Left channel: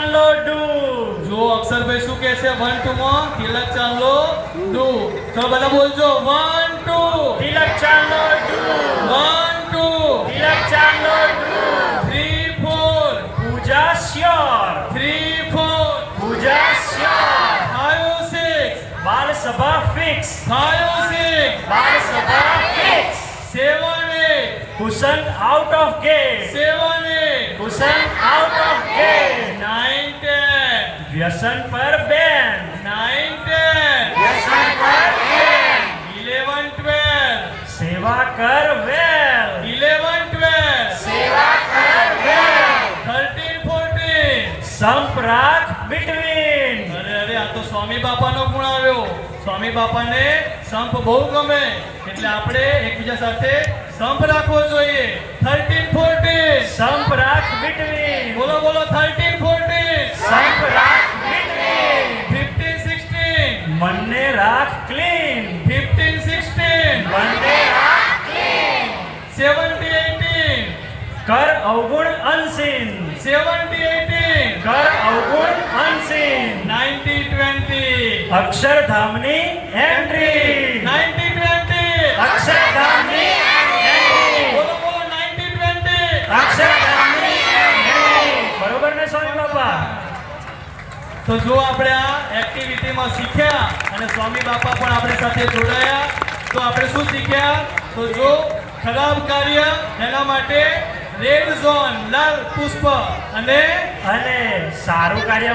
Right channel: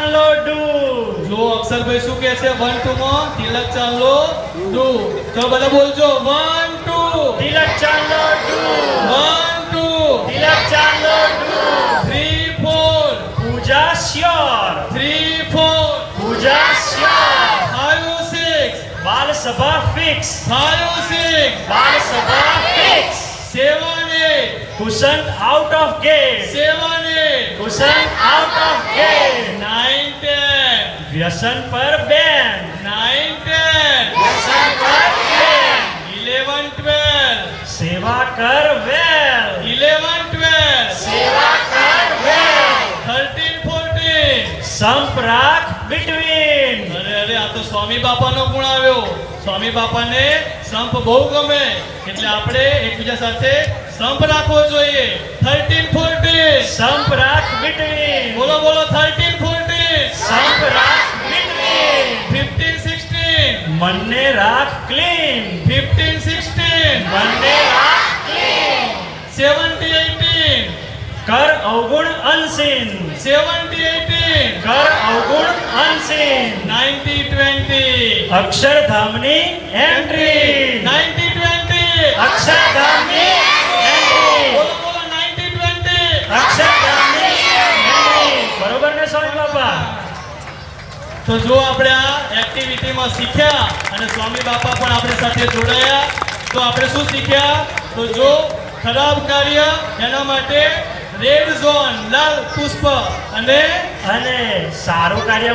ચાંદલો ડુ. જો અક્ષરભાઈ શું કહે છે 1 2 માં તિલક ચાંદલો ડુ. તો બધા બોલજો 1 2 તિલક ચાંદલો ડુ. 1 2 તિલક ચાંદલો do. 3 4 puja sure. 3 4 puja sure. 5 6 બાલ સભા ફિક્સ. 5 6 બાલ સભા fix. 7 8 cushion out of gate. 7 8 cushion out of gate. 9 10 વ્યસન પર બેન. 9 10 વ્યસન પર બેન. 11 12 સેવા કર વેલ. 11 12 સેવા કર વેલ. 13 14 સંપ રાખ બિટવીન. અરે આ તો સ્વામી બાપાનો ગુણ આવ્યો. સ્વામી બાપાને સંપ બહુ ગમે એટલે આપણે એકબીજા સાથે સંપ રાખવો જોઈએ. 13 14 સંપ રાખ બિટવીન. બોલો બોલો 13 14 સંપ રાખ બિટવીન. 15 16 મનને રાખ ક્લીન. 15 16 મનને રાખ ક્લીન. 17 18 કર અવગુણ અનસીન. 70 18 કર અવગુણ અનસીન. 90 20 અક્ષરધામની એન્ટ્રી. 90 20 અક્ષરધામની એન્ટ્રી. બોલો બોલો 90 20 અક્ષરધામની એન્ટ્રી. બરોબર ને સ્વામી બાપા? તો જો આપણે આ એક્ટિવિટીમાં શીખ્યા અને સ્વામી બાપા પણ આપણી સાથે જોડાયા તો આપણે શું શીખ્યા? તો જો ખરાબ કાર્ય એના માટે રેડ ઝોન લાલ પુષ્પ અને અને સારું કાર્ય